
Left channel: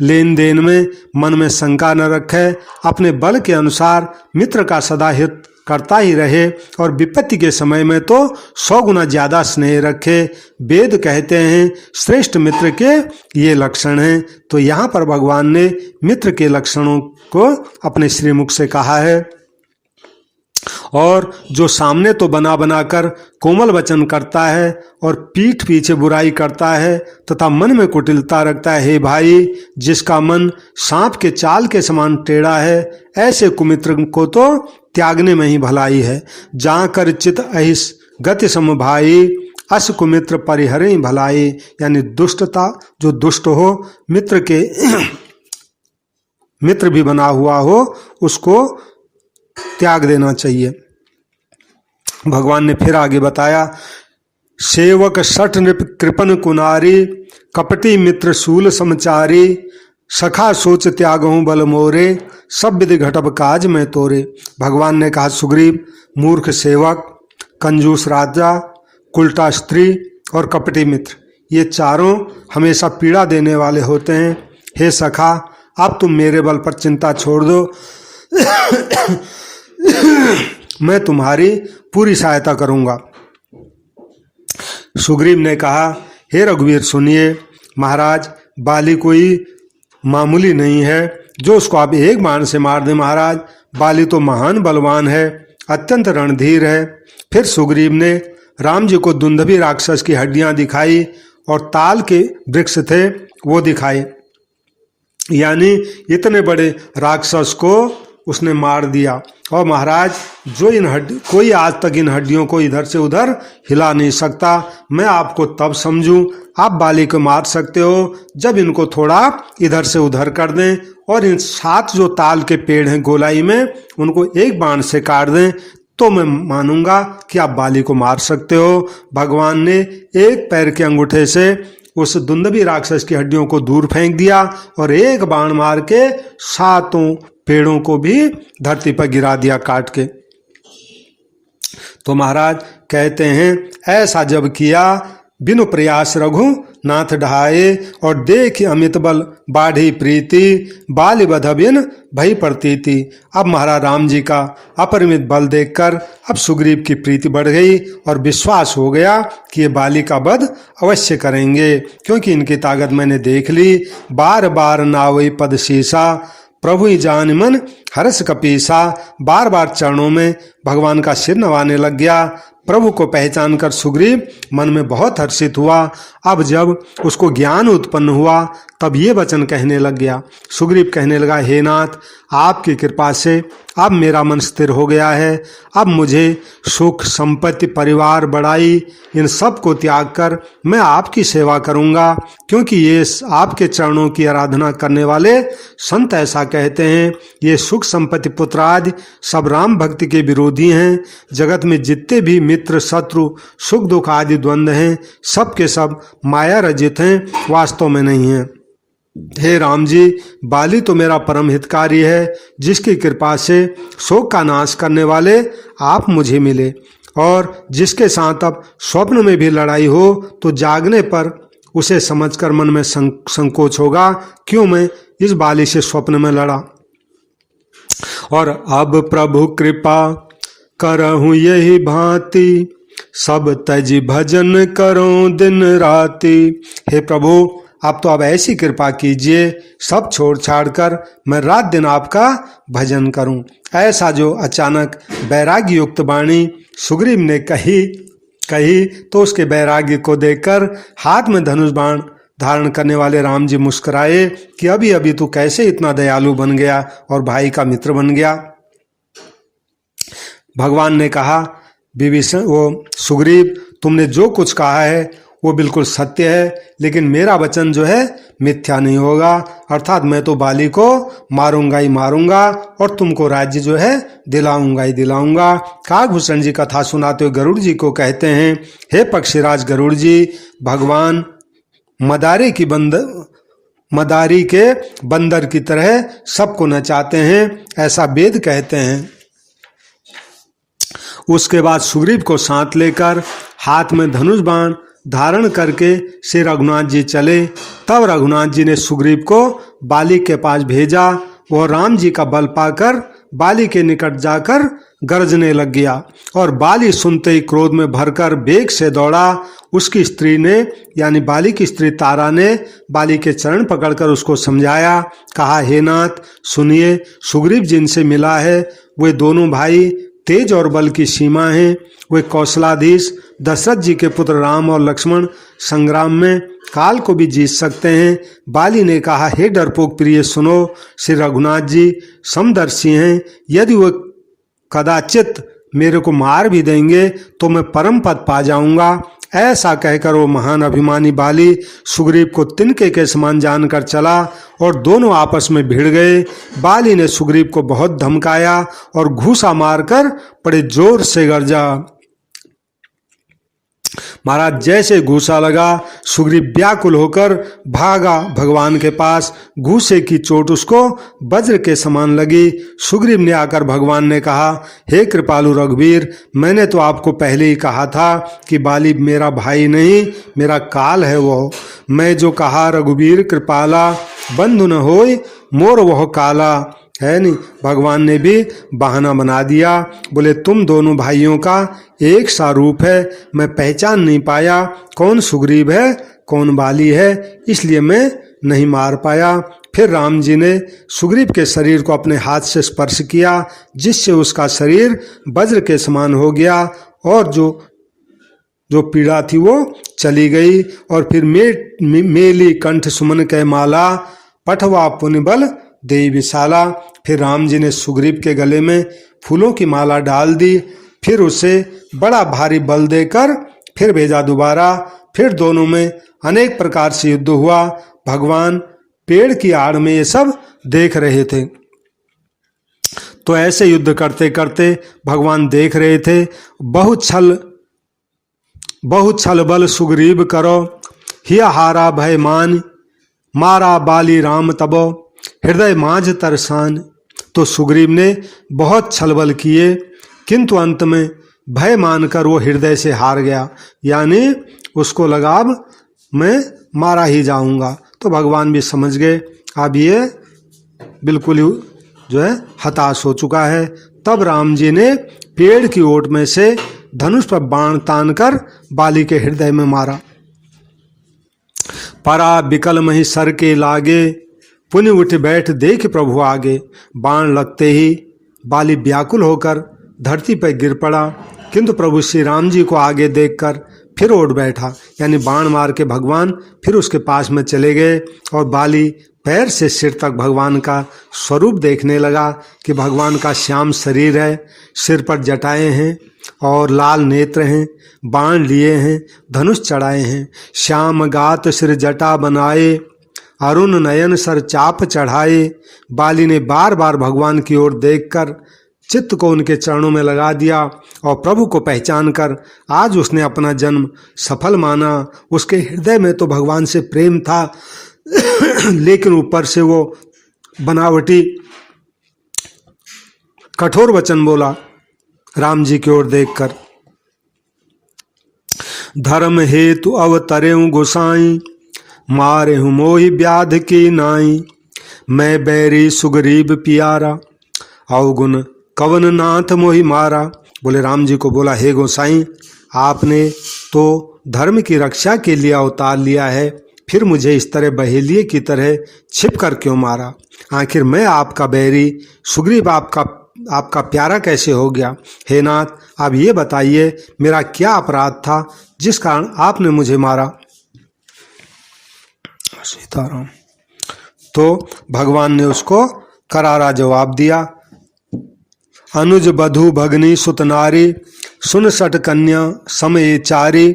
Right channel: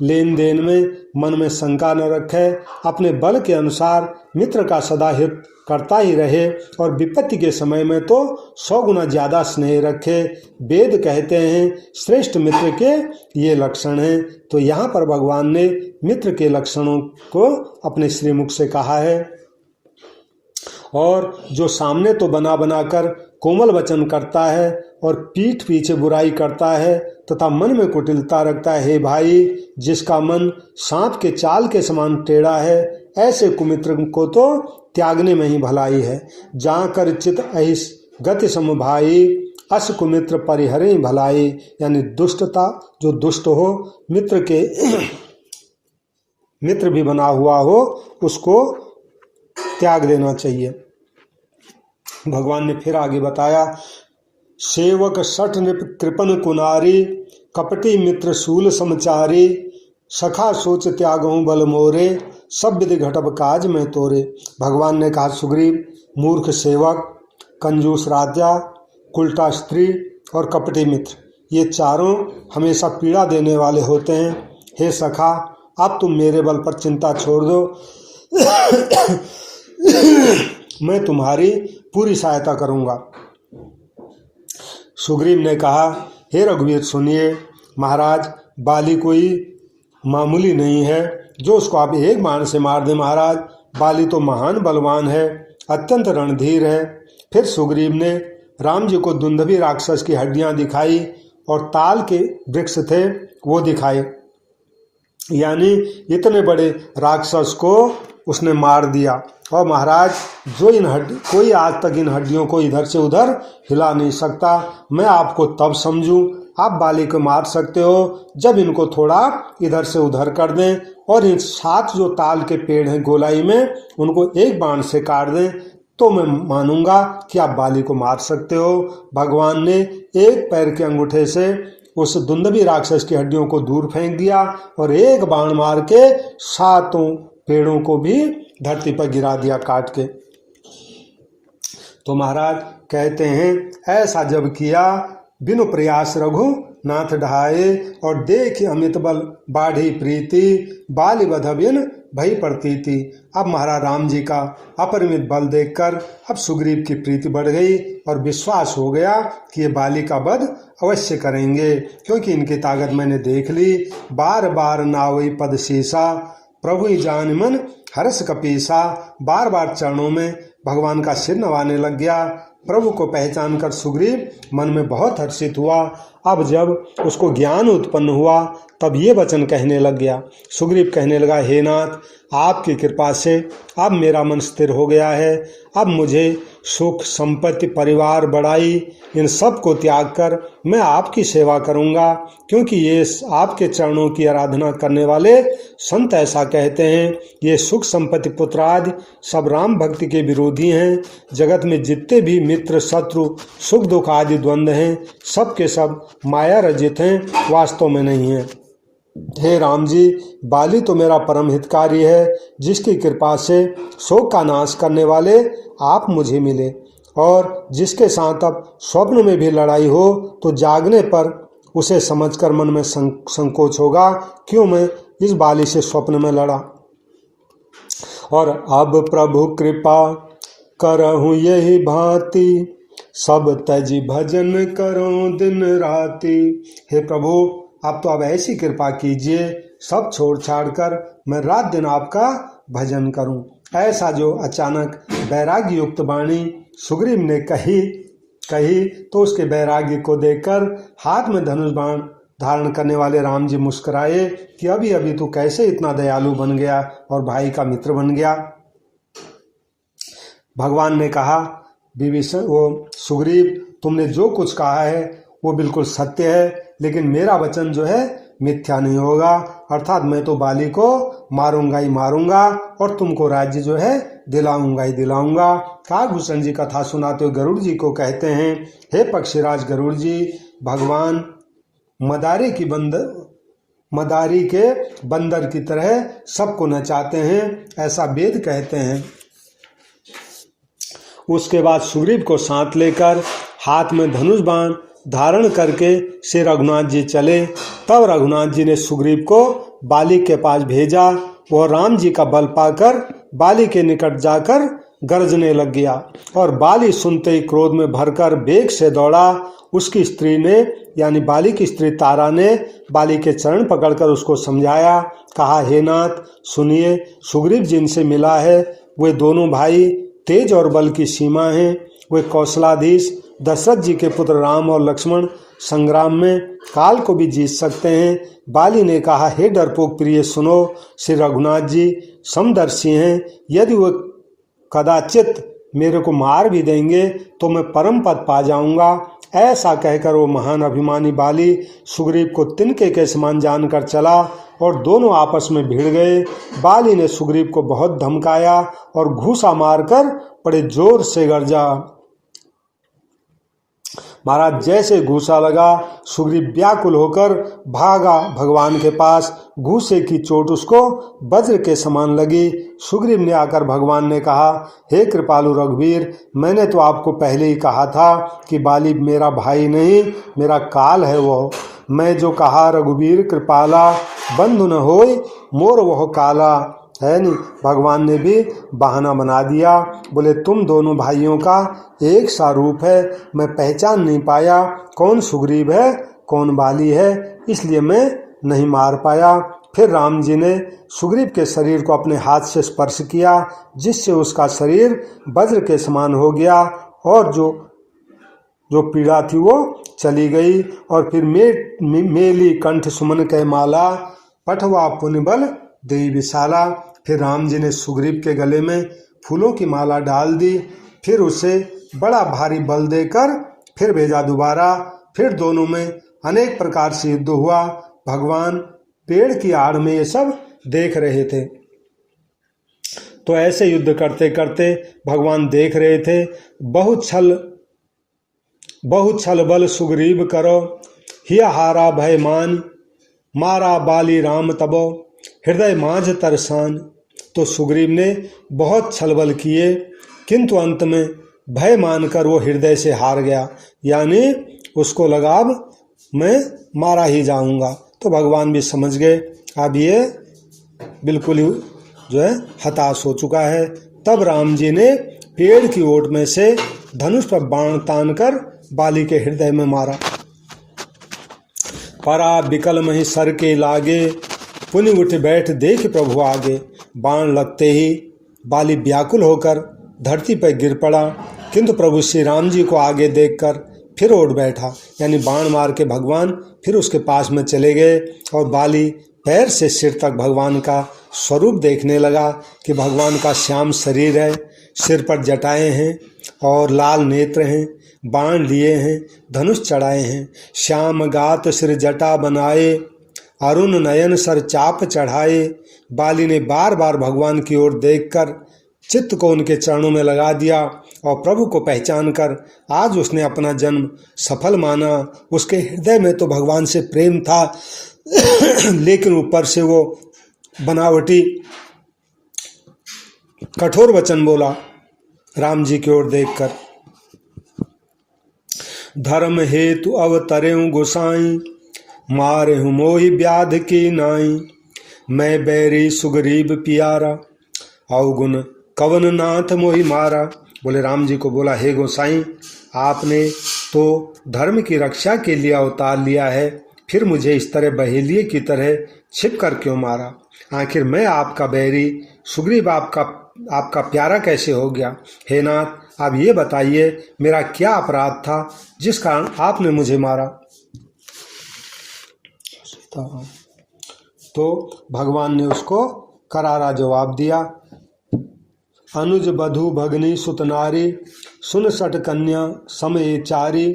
लेन देन में मन में शंका न रखे, अपने बल के अनुसार मित्र का सदा हित करता ही रहे और विपत्ति के समय में तो 100 गुना ज्यादा स्नेह रखे। वेद कहते हैं श्रेष्ठ मित्र के ये लक्षण हैं। तो यहाँ पर भगवान ने मित्र के लक्षणों को अपने श्रीमुख से कहा है। और जो सामने तो बना बनाकर कोमल वचन करता है और पीठ पीछे बुराई करता है तथा मन में कुटिलता रखता है, हे भाई, जिसका मन सांप के चाल के समान टेढ़ा है, ऐसे कुमित्र को तो त्यागने में ही भलाई है। जहाँ कर चित अहिस गति सम भाई, अस कुमित्र परिहरे भलाई। यानी दुष्टता, जो दुष्ट हो, मित्र के मित्र भी बना हुआ हो, उसको त्याग देना चाहिए। भगवान ने फिर आगे बताया, सेवक सठ नृप कृपन कुनारी, कपटी मित्र शूल समचारी, सखा सोच त्यागहूँ बल मोरे, सब विधि घटब काज में तोरे। भगवान ने कहा, सुग्रीव, मूर्ख सेवक, कंजूस राजा, उल्टा स्त्री और कपटी मित्र, ये चारों हमेशा पीड़ा देने वाले होते हैं। हे सखा, अब तुम मेरे बल पर चिंता छोड़ दो, मैं तुम्हारी पूरी सहायता करूंगा। सुग्रीव ने कहा, हे रघुवीर सुनिए, महाराज बाली कोई मामूली नहीं है जो उसको आप एक बाण से मार दें। महाराज बाली तो महान बलवान है, अत्यंत रणधीर है। फिर सुग्रीव ने राम जी को दुंदुभी राक्षस की हड्डियां दिखाई और ताल के वृक्ष थे वो दिखाए, यानी इतने बड़े राक्षस को उसने मार दिया। और महाराज जो कोई आज तक इन हड्डियों को इधर से उधर हिला नहीं सकता। मैं आपको तब समझूं आप बाली को मार सकते हो जब इनको थोड़ा इधर से उधर कर दें और इन 7 जो ताल के पेड़ हैं गोलाई में उनको एक बाण से काट दें, तो मैं मानूंगा कि आप बाली को मार सकते हो। भगवान ने एक पैर के अंगूठे से उस दुंदुभी राक्षस की हड्डियों को दूर फेंक दिया और एक बाण मार के 7 पेड़ों को भी धरती पर गिरा दिया काट के। तो महाराज कहते हैं ऐसा जब किया बिनु प्रयास रघु नाथ ढहाए और देख अमित बल बाढ़ी प्रीति बाली बध बिन भई प्रतीति। अब महाराज राम जी का अपरिमित बल देखकर अब सुग्रीव की प्रीति बढ़ गई और विश्वास हो गया कि ये बाली का वध अवश्य करेंगे, क्योंकि इनकी ताकत मैंने देख ली। बार बार नावई पद शीसा प्रभु ही जान मन हर्ष कपीसा। बार बार चरणों में भगवान का सिर नवाने लग गया। प्रभु को पहचान कर सुग्रीव मन में बहुत हर्षित हुआ। अब जब उसको ज्ञान उत्पन्न हुआ तब ये वचन कहने लग गया। सुग्रीव कहने लगा, हे नाथ आपकी कृपा से अब मेरा मन स्थिर हो गया है। अब मुझे सुख संपत्ति परिवार बड़ाई इन सब को त्याग कर मैं आपकी सेवा करूंगा, क्योंकि ये आपके चरणों की आराधना करने वाले संत ऐसा कहते हैं। ये सुख संपत्ति पुत्र आदि सब राम भक्ति के विरोधी हैं। जगत में जितने भी मित्र शत्रु सुख दुख आदि द्वंद्व हैं सब के सब माया रजित हैं, वास्तव में नहीं हैं। हे राम जी बाली तो मेरा परम हितकारी है, जिसकी कृपा से शोक का नाश करने वाले आप मुझे मिले, और जिसके साथ अब स्वप्न में भी लड़ाई हो तो जागने पर उसे समझकर मन में संकोच होगा, क्यों मैं इस बाली से स्वप्न में लड़ा। और अब प्रभु कृपा करहूँ यही भांति सब तज भजन करो दिन राति। हे प्रभु आप तो अब ऐसी कृपा कीजिए सब छोड़ छाड़ कर मैं रात दिन आपका भजन करूं। ऐसा जो अचानक वैराग्य युक्त वाणी सुग्रीव ने कही तो उसके वैराग्य को देखकर हाथ में धनुष बाण धारण करने वाले राम जी मुस्कुराए कि अभी अभी तू कैसे इतना दयालु बन गया और भाई का मित्र बन गया। भगवान ने कहा, विभीषण वो सुग्रीव तुमने जो कुछ कहा है वो बिल्कुल सत्य है, लेकिन मेरा वचन जो है मिथ्या नहीं होगा, अर्थात मैं तो बाली को मारूंगा ही मारूंगा और तुमको राज्य जो है दिलाऊंगा ही दिलाऊंगा। काकभूषण जी कथा सुनाते हुए गरुड़ जी को कहते हैं, हे पक्षीराज गरुड़ जी भगवान मदारी के बंदर की तरह सबको नचाते हैं, ऐसा वेद कहते हैं। उसके बाद सुग्रीव को साथ लेकर हाथ में धनुष बाण धारण करके श्री रघुनाथ जी चले। तब रघुनाथ जी ने सुग्रीव को बाली के पास भेजा। वह राम जी का बल पाकर बाली के निकट जाकर गरजने लग गया और बाली सुनते ही क्रोध में भरकर वेग से दौड़ा। उसकी स्त्री ने यानी बाली की स्त्री तारा ने बाली के चरण पकड़कर उसको समझाया, कहा, हे नाथ सुनिए, सुग्रीव जिनसे मिला है वे दोनों भाई तेज और बल की सीमा हैं। वे कौशलाधीश दशरथ जी के पुत्र राम और लक्ष्मण संग्राम में काल को भी जीत सकते हैं। बाली ने कहा, हे डरपोक प्रिय सुनो, श्री रघुनाथ जी समदर्शी हैं, यदि वो कदाचित मेरे को मार भी देंगे तो मैं परम पद पा जाऊंगा। ऐसा कहकर वो महान अभिमानी बाली सुग्रीव को तिनके के समान जानकर चला और दोनों आपस में भिड़ गए। बाली ने सुग्रीव को बहुत धमकाया और घूसा मारकर बड़े जोर से गरजा। महाराज जैसे घूसा लगा सुग्रीव व्याकुल होकर भागा भगवान के पास। घूसे की चोट उसको वज्र के समान लगी। सुग्रीव ने आकर भगवान ने कहा, हे कृपालु रघुवीर, मैंने तो आपको पहले ही कहा था कि बाली मेरा भाई नहीं मेरा काल है। वो मैं जो कहा रघुवीर कृपाला बंधु न होय मोर वह काला है नहीं। भगवान ने भी बहाना बना दिया, बोले तुम दोनों भाइयों का एक सा रूप है, मैं पहचान नहीं पाया कौन सुग्रीव है कौन बाली है, इसलिए मैं नहीं मार पाया। फिर राम जी ने सुग्रीव के शरीर को अपने हाथ से स्पर्श किया, जिससे उसका शरीर वज्र के समान हो गया और जो पीड़ा थी वो चली गई। और फिर मेली कंठ सुमन कै माला, पठवा पुण्य बल देई विशाला। फिर राम जी ने सुग्रीव के गले में फूलों की माला डाल दी, फिर उसे बड़ा भारी बल देकर फिर भेजा दोबारा। फिर दोनों में अनेक प्रकार से युद्ध हुआ। भगवान पेड़ की आड़ में ये सब देख रहे थे। तो ऐसे युद्ध करते करते भगवान देख रहे थे। बहुत छल बल सुग्रीव करो, हिय हारा भय मान, मारा बाली राम तबो, हृदय माझ तरसान। तो सुग्रीव ने बहुत छल बल किए, किंतु अंत में भय मानकर वो हृदय से हार गया, यानी उसको लगा अब मैं मारा ही जाऊंगा। तो भगवान भी समझ गए अब ये बिल्कुल जो है हताश हो चुका है। तब राम जी ने पेड़ की ओट में से धनुष पर बाण तानकर बाली के हृदय में मारा। परा बिकल मही सर के लागे, पुनि उठ बैठ देख प्रभु आगे। बाण लगते ही बाली व्याकुल होकर धरती पर गिर पड़ा, किंतु प्रभु श्री राम जी को आगे देखकर फिर उठ बैठा, यानी बाण मार के भगवान फिर उसके पास में चले गए। और बाली पैर से सिर तक भगवान का स्वरूप देखने लगा कि भगवान का श्याम शरीर है, सिर पर जटाएं हैं और लाल नेत्र हैं, बाण लिए हैं, धनुष चढ़ाए हैं। श्याम गात सिर जटा बनाए, अरुण नयन सर चाप चढ़ाए। बाली ने बार बार भगवान की ओर देखकर चित्त को उनके चरणों में लगा दिया और प्रभु को पहचान कर आज उसने अपना जन्म सफल माना। उसके हृदय में तो भगवान से प्रेम था, लेकिन ऊपर से वो बनावटी कठोर वचन बोला राम जी की ओर देखकर। धर्म हेतु अवतरें गोसाई, मारे हूँ मोहि व्याध की नाई। मैं बैरी सुग्रीव पियारा, अवगुण कवन नाथ मोहि मारा। बोले राम जी को बोला, हे गोसाई, आपने तो धर्म की रक्षा के लिए अवतार लिया है, फिर मुझे इस तरह बहेलिए की तरह छिप कर क्यों मारा। आखिर मैं आपका बैरी, सुग्रीव आपका प्यारा कैसे हो गया। हे नाथ, आप ये बताइए मेरा क्या अपराध था जिस कारण आपने मुझे मारा। सीताराम। तो भगवान ने उसको करारा जवाब दिया। अनुज बधु भगनी सुत नारी, सुन सट कन्या समय चारी।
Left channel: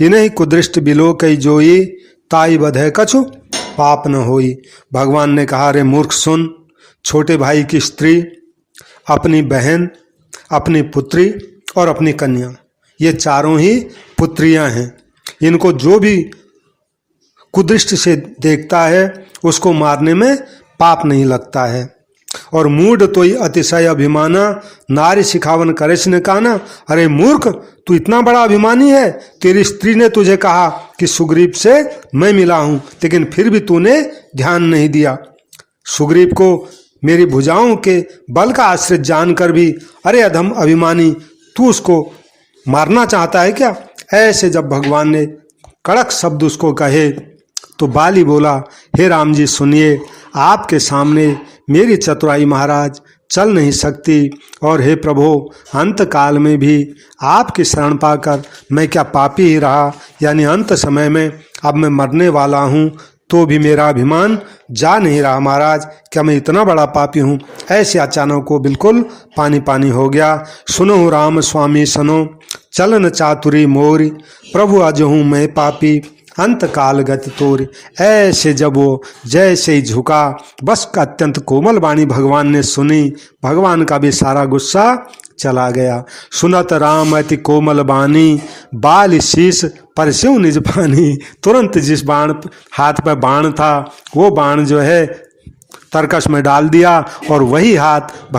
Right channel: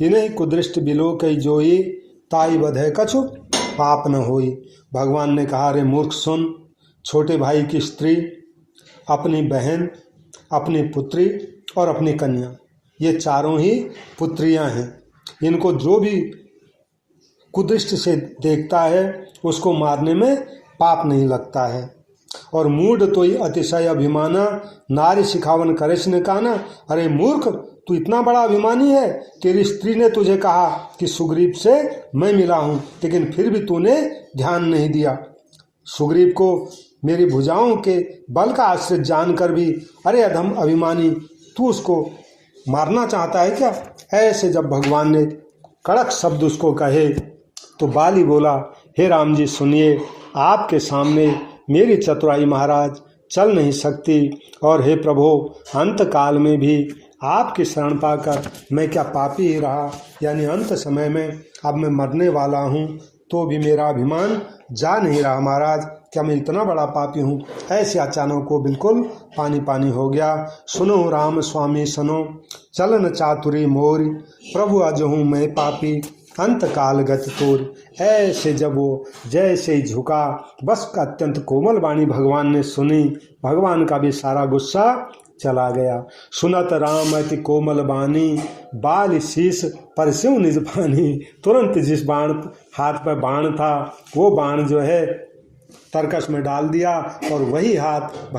इन्हीं कुदृष्ट बिलो कई जोई, ताई बधे कछु पाप न होई। भगवान ने कहा, रे मूर्ख सुन, छोटे भाई की स्त्री, अपनी बहन, अपनी पुत्री और अपनी कन्या, ये चारों ही पुत्रियां हैं। इनको जो भी कुदृष्ट से देखता है उसको मारने में पाप नहीं लगता है। और मूढ़ तो ही अतिशय अभिमाना, नारी सिखावन करेश ने कहा ना, अरे मूर्ख, तू इतना बड़ा अभिमानी है। तेरी स्त्री ने तुझे कहा कि सुग्रीव से मैं मिला हूं, लेकिन फिर भी तूने ध्यान नहीं दिया। सुग्रीव को मेरी भुजाओं के बल का आश्रित जानकर भी, अरे अधम अभिमानी, तू उसको मारना चाहता है क्या। ऐसे जब भगवान ने कड़क शब्द उसको कहे तो बाली बोला, हे राम जी सुनिए, आपके सामने मेरी चतुराई महाराज चल नहीं सकती, और हे प्रभु, अंत काल में भी आपकी शरण पाकर मैं क्या पापी ही रहा, यानी अंत समय में अब मैं मरने वाला हूँ तो भी मेरा अभिमान जा नहीं रहा महाराज, क्या मैं इतना बड़ा पापी हूँ। ऐसे अचानक को बिल्कुल पानी पानी हो गया। सुनो राम स्वामी सुनो, चलन चातुरी मोरी, प्रभु अजहूँ मैं पापी, अंत काल गति तोरी। ऐसे जब वो जैसे ही झुका, बस का अत्यंत कोमल वाणी भगवान ने सुनी, भगवान का भी सारा गुस्सा चला गया। सुनत राम अति कोमल बानी, बाल शीश पर शिव निज पानी। तुरंत जिस बाण हाथ पर बाण था वो बाण जो है तरकश में डाल दिया, और वही हाथ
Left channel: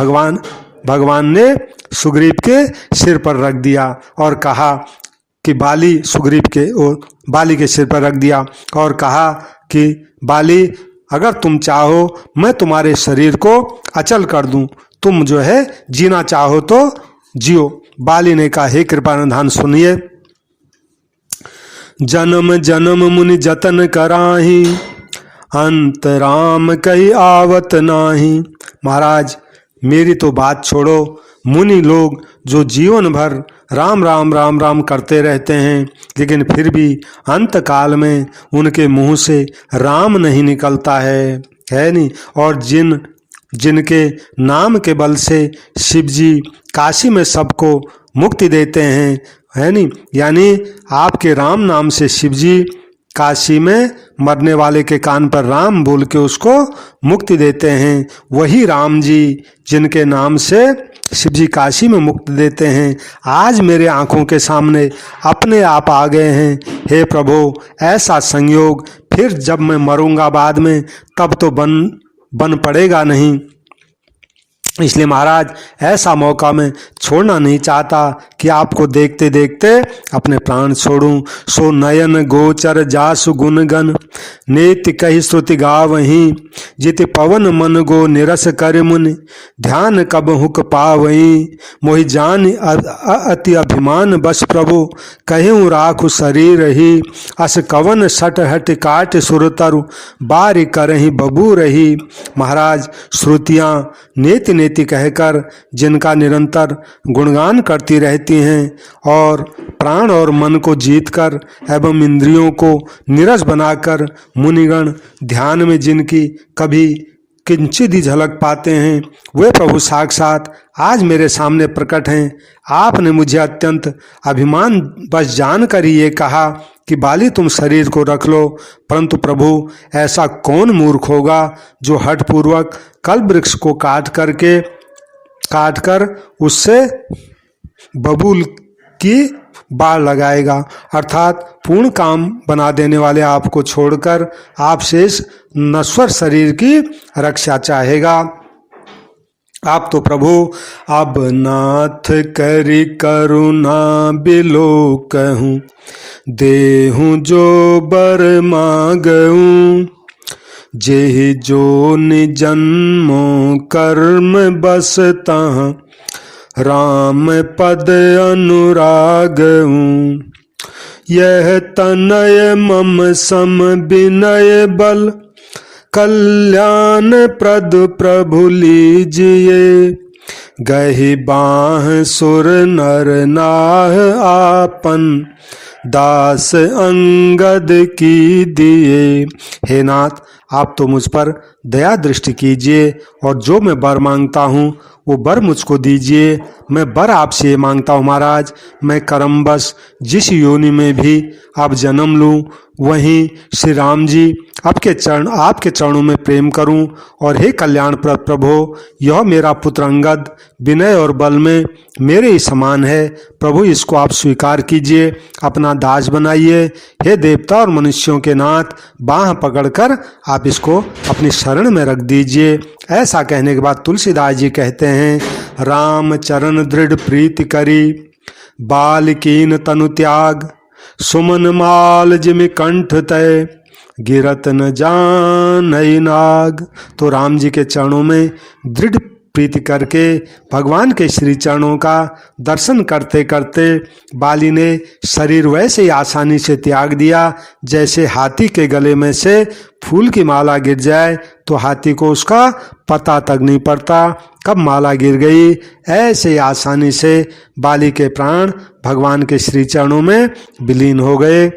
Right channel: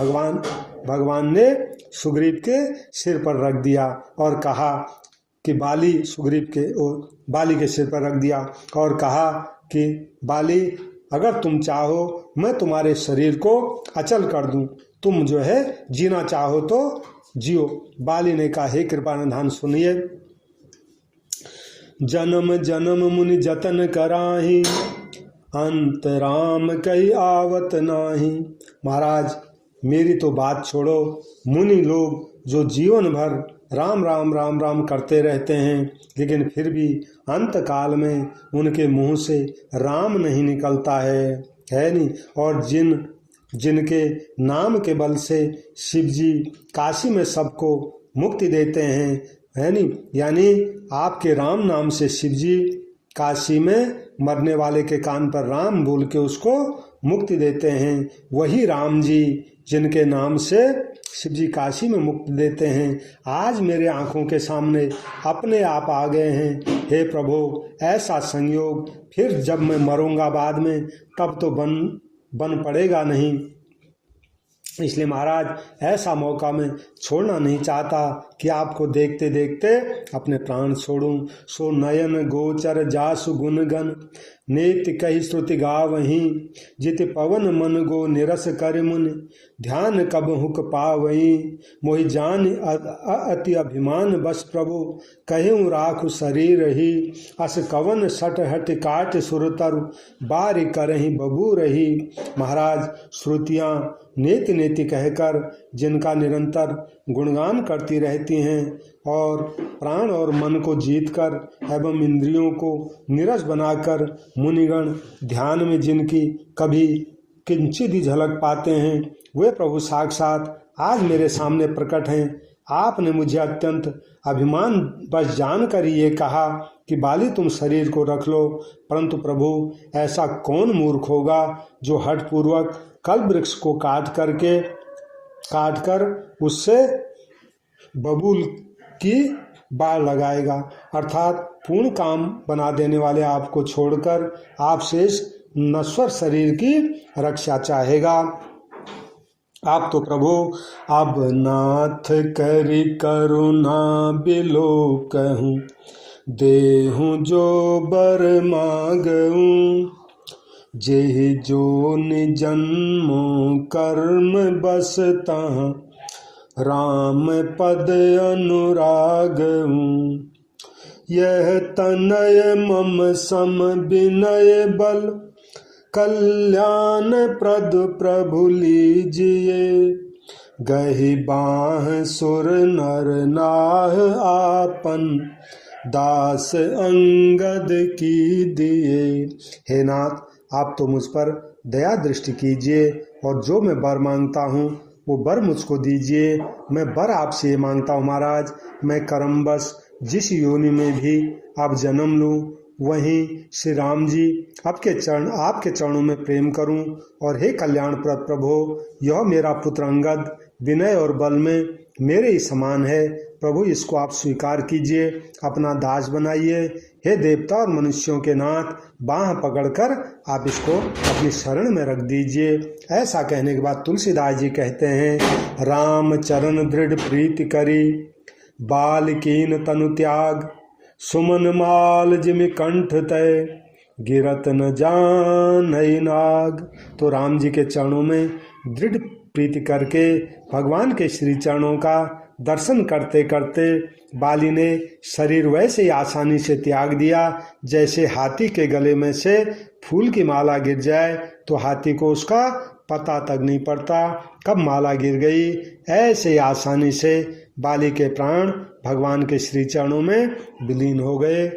भगवान ने सुग्रीव के सिर पर रख दिया और कहा कि बाली के सिर पर रख दिया और कहा कि बाली, अगर तुम चाहो मैं तुम्हारे शरीर को अचल कर दूं, तुम जो है जीना चाहो तो जियो। बाली ने कहा, हे कृपानिधान सुनिए, जन्म जन्म मुनि जतन कराही, अंत राम कही आवत नाही। महाराज मेरी तो बात छोड़ो, मुनि लोग जो जीवन भर राम राम राम राम करते रहते हैं, लेकिन फिर भी अंत काल में उनके मुंह से राम नहीं निकलता है नहीं। और जिनके नाम के बल से शिव जी काशी में सबको मुक्ति देते हैं, है नहीं, यानी आपके राम नाम से शिव जी काशी में मरने वाले के कान पर राम बोल के उसको मुक्ति देते हैं। वही राम जी जिनके नाम से शिव जी काशी में मुक्ति देते हैं, आज मेरे आंखों के सामने अपने आप आ गए हैं। हे प्रभु, ऐसा संयोग फिर जब मैं मरूंगा बाद में तब तो बन पड़ेगा नहीं। इसलिए महाराज ऐसा मौका मैं छोड़ना नहीं चाहता कि आपको देखते देखते अपने प्राण छोड़ूं। सो नयन गोचर जासु गुणगन, नेति कही श्रुति गावहीं, जिति पवन मन गो निरस कर मुनि, ध्यान कब हुक पावहीं। मोहि जान अति अभिमान बस प्रभु, कहूँ राखु शरीर ही, अस कवन सट हट काट सुरतरु, बारी करही बबू रही। महाराज श्रुतियाँ नेति नेति कहकर जिनका निरंतर गुणगान करती रहती हैं और प्राण और मन को जीतकर एवं इंद्रियों को नीरस बनाकर मुनिगण ध्यान में जिनकी कभी किंचित ही झलक पाते हैं, वे प्रभु साक्षात आज मेरे सामने प्रकट हैं। आपने मुझे अत्यंत अभिमान बस जानकर ही ये कहा कि बाली तुम शरीर को रख लो, परंतु प्रभु ऐसा कौन मूर्ख होगा जो हठपूर्वक कल्प वृक्ष को काट कर उससे बबूल की बाढ़ लगाएगा, अर्थात पूर्ण काम बना देने वाले आपको छोड़कर आपसे इस नश्वर शरीर की रक्षा चाहेगा। आप तो प्रभु अब नाथ करी करुणा बिलो कहूँ, देहूँ जो बर मांगूं, जेहि जो निजन्मो कर्म बसता, राम पद अनुरागूं। यह तनय मम सम विनय बल, कल्याण प्रद प्रभु लीजिए, गहि बाह सुर नर नाह आपन, दास अंगद की दिए। हे नाथ, आप तो मुझ पर दया दृष्टि कीजिए और जो मैं वर मांगता हूँ वो वर मुझको दीजिए। मैं वर आपसे मांगता हूँ महाराज, मैं कर्मवश जिस योनि में भी अब जन्म लूँ वहीं श्री राम जी आपके चरणों में प्रेम करूं। और हे कल्याण प्रभु, यह मेरा पुत्र अंगद विनय और बल में मेरे ही समान है। प्रभु इसको आप स्वीकार कीजिए, अपना दास बनाइए। हे देवता और मनुष्यों के नाथ, बाह पकड़कर आप इसको अपनी शरण में रख दीजिए। ऐसा कहने के बाद तुलसीदास जी कहते हैं, राम चरण दृढ़ प्रीति करी, बाल कीन तनु त्याग, सुमन माल जिमि कंठ तय, गिरत न जानई नाग। तो राम जी के चरणों में दृढ़ प्रीति करके भगवान के श्री चरणों का दर्शन करते करते बाली ने शरीर वैसे ही आसानी से त्याग दिया जैसे हाथी के गले में से फूल की माला गिर जाए तो हाथी को उसका पता तक नहीं पड़ता कब माला गिर गई। ऐसे आसानी से बाली के प्राण भगवान के श्री चरणों में विलीन हो गए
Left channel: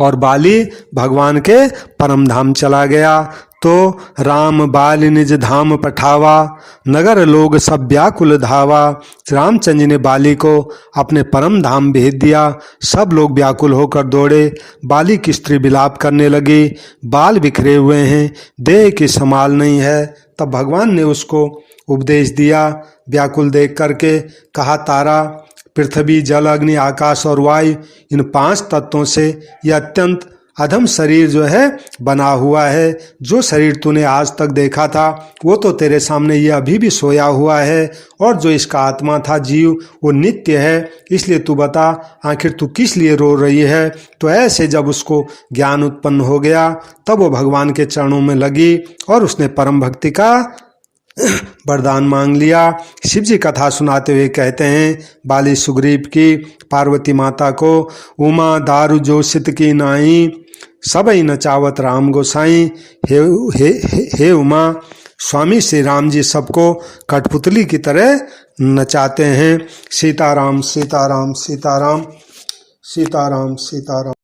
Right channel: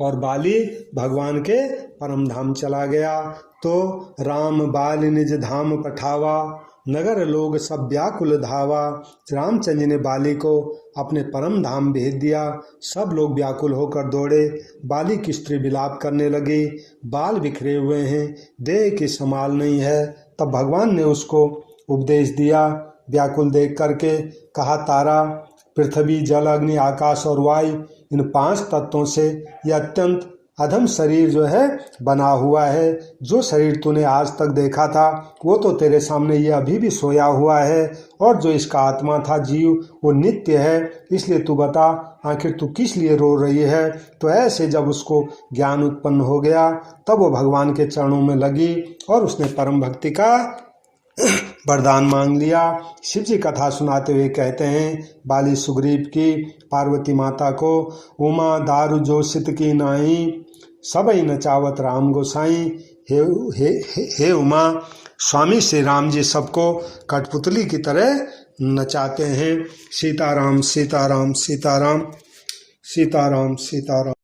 और बाली भगवान के परम धाम चला गया। तो राम बाली निज धाम पठावा, नगर लोग सब व्याकुल धावा। रामचंद्र जी ने बाली को अपने परम धाम भेज दिया। सब लोग व्याकुल होकर दौड़े। बाली की स्त्री विलाप करने लगी, बाल बिखरे हुए हैं, देह की संभाल नहीं है। तब भगवान ने उसको उपदेश दिया, व्याकुल देख करके कहा, तारा, पृथ्वी, जल, अग्नि, आकाश और वायु, इन 5 तत्वों से यह अत्यंत अधम शरीर जो है बना हुआ है। जो शरीर तूने आज तक देखा था वो तो तेरे सामने ये अभी भी सोया हुआ है, और जो इसका आत्मा था जीव वो नित्य है। इसलिए तू बता आखिर तू किस लिए रो रही है। तो ऐसे जब उसको ज्ञान उत्पन्न हो गया तब वो भगवान के चरणों में लगी और उसने परम भक्ति का वरदान मांग लिया। शिव जी कथा सुनाते हुए कहते हैं बाली सुग्रीव की पार्वती माता को, उमा दारु जोशित की नाई, सबई नचावत राम गोसाई। हे उमा, स्वामी श्री राम जी सबको कठपुतली की तरह नचाते हैं। सीताराम सीताराम सीताराम सीताराम सीताराम।